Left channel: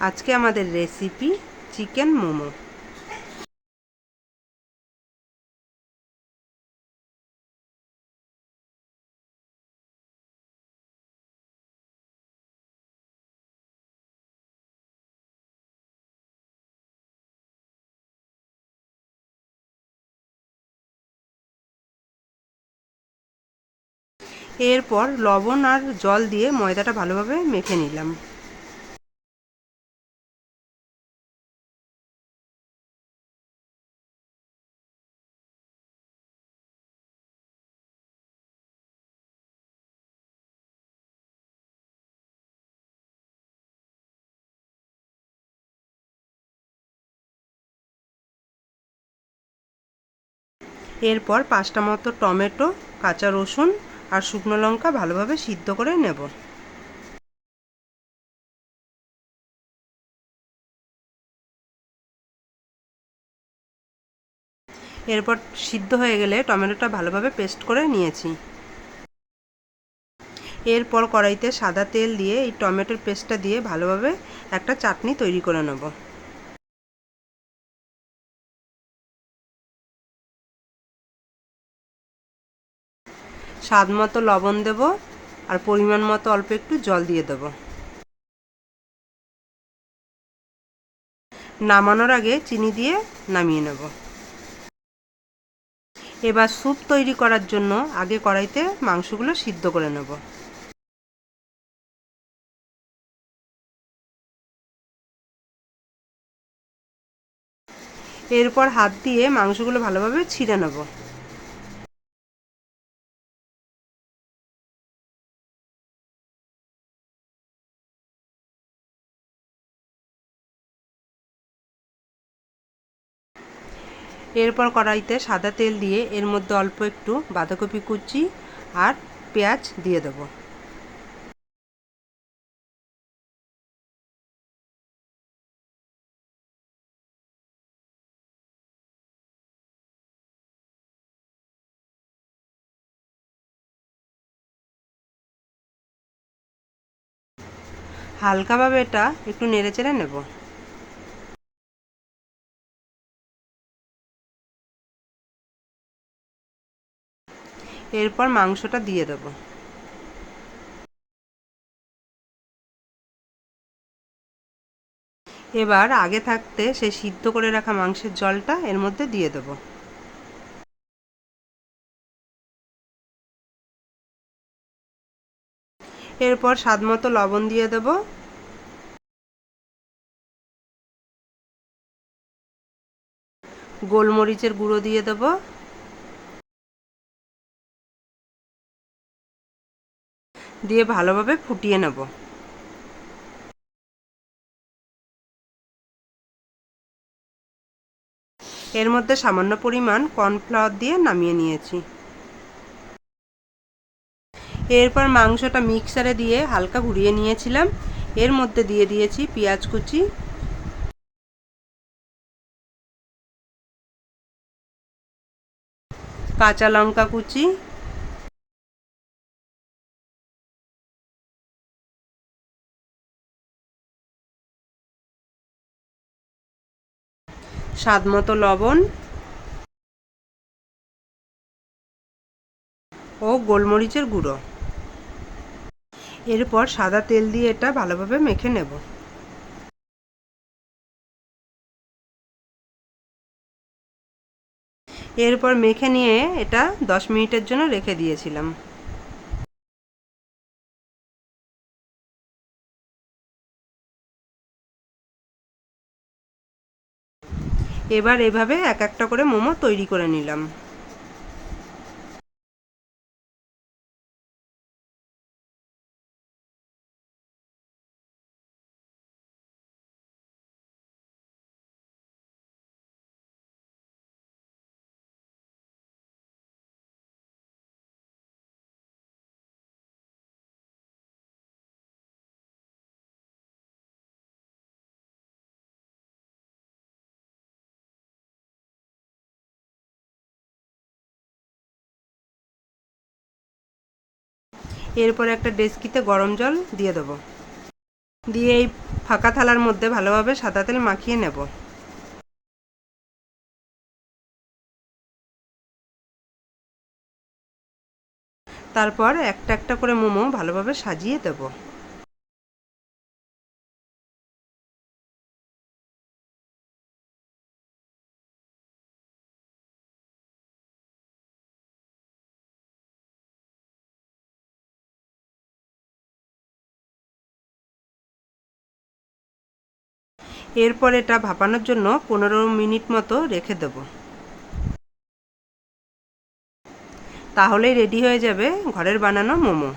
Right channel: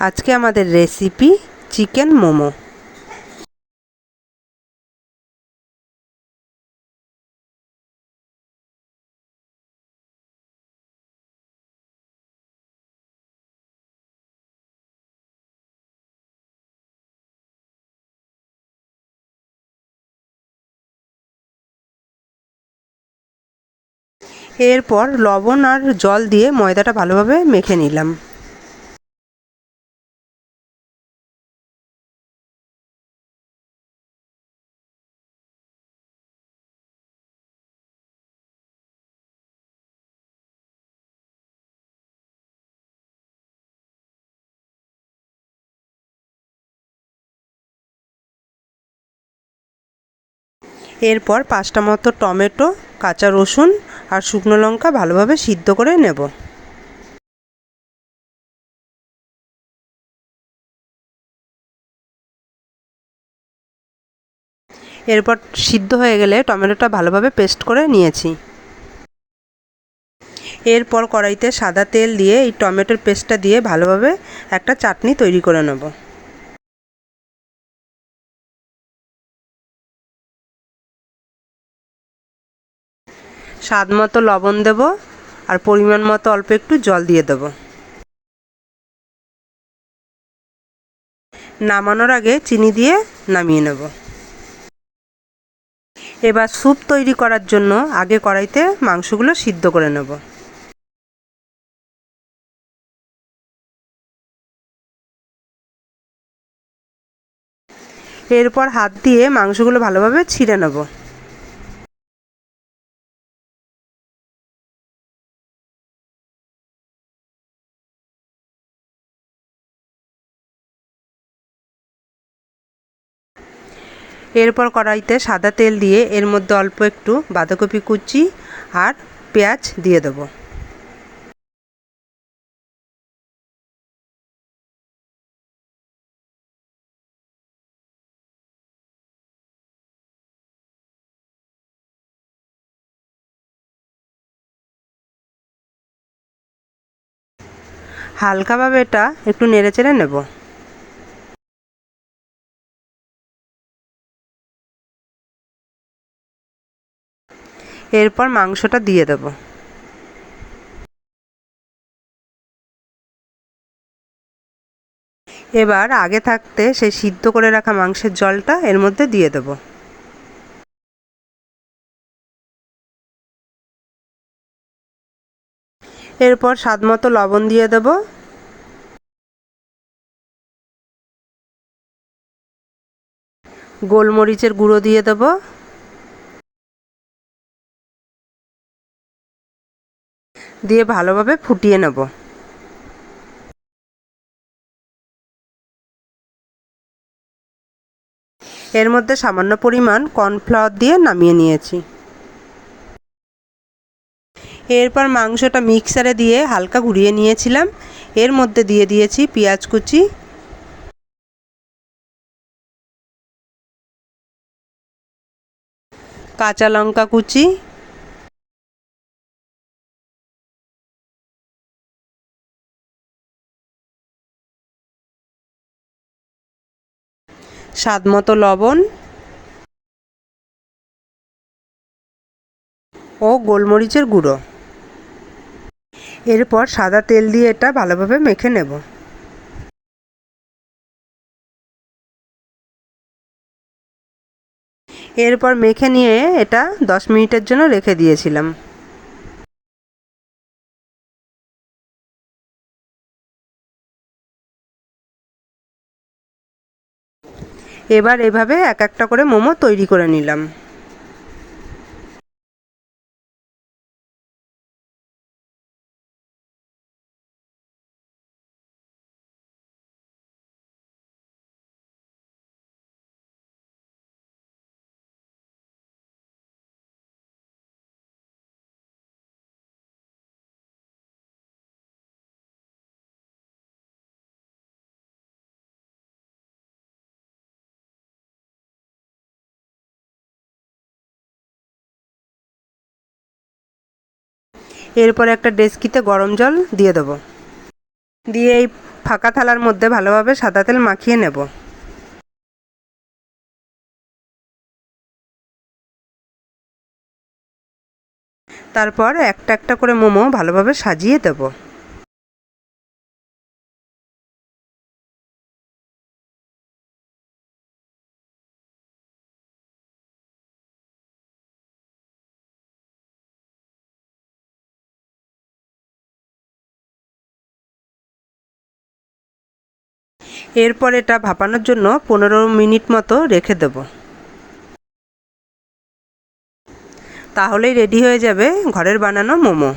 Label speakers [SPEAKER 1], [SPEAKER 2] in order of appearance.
[SPEAKER 1] আজকে আমাদের recipe chicken momo. এরপর লবণ আর জল দিয়ে ময়দাটা ভালোভাবে মেখে নিলাম। এরপর পাঁচটা মতো টমেটো, কাঁচা রসুন আর শুকনো লঙ্কা ভালোভাবে সিদ্ধ করে নেব। এরপর সিদ্ধ হয়ে গেলে টমেটোটা ভালোভাবে পেস্ট করে নিয়েছি। এরপর কড়াইতে সাদা তেল দিয়ে এই টমেটোর পেস্টটা দিয়ে ভালোভাবে একটা চাটনি তৈরি করে নেব। স্বাদ মতো লবণ দেব আর পরিমাণ মতো অল্প একটু জল দিয়ে দেব। নামানোর আগে চিনি দিয়ে নামিয়ে নেব। এবার স্যুপ তৈরি করার জন্য আগে কড়াইতে মাংসগুলো সিদ্ধ করে নেব। এরপর হাত দিয়ে মাংসগুলো ভালোভাবে ছিঁড়ে নেব। এরপর কড়াইতে সাদা তেল দিয়ে এর মধ্যে অল্প একটু বাঁধাকপি কুচি আর পেঁয়াজ দিয়ে দেবো। হালকাভাবে এটা একটু নেড়ে চেড়ে নেব। এরপর মাংসটা দিয়ে দেব। এবার আগে থাকতে সেই সিদ্ধ করে রাখা মাংসের জলটা এর মধ্যে দিয়ে দেব। এরপর স্বাদ মতো লবণ দিয়ে দেব। গোলমরিচের গুঁড়ো দিয়ে দেবো। দিয়ে ভালোভাবে ফুটিয়ে নেব। এর মধ্যে সামান্য পরিমাণ কর্নফ্লাওয়ার দিয়ে নামিয়ে নিয়েছি। এরপর মাংসটা মিক্সারে দিয়ে হালকা ঘুরিয়ে নিয়েছিলাম। এর মধ্যে দিয়ে দিয়েছি পেঁয়াজ কুচি। কাঁচা লঙ্কা কুচি। স্বাদ মতো লবণ ও গোলমরিচের গুঁড়ো। এরপর সাদা তেল দিয়ে এটা ভালোভাবে মেখে নেব। এরপর মেখে নিয়ে এটা দশ মিনিটের জন্য রেখে দিয়েছিলাম। এবার এভাবে এক একটা করে মোমো তৈরি করে নিলাম। এরপর একটা ডেস্কিতে গরম জল দিয়ে দেবো। দিয়ে এই ফাঁকা থালার মধ্যে ভালোভাবে সাদা তেল মাখিয়ে নেব। তারপর একটা একটা করে মোমো ভালোভাবে সাজিয়ে দেব। এরপর এটা ভাপানোর জন্য পনেরো মিনিট মতো রেখে দেব। তাহলেই রেডি হয়ে যাবে ঘরের বানানো মোমো।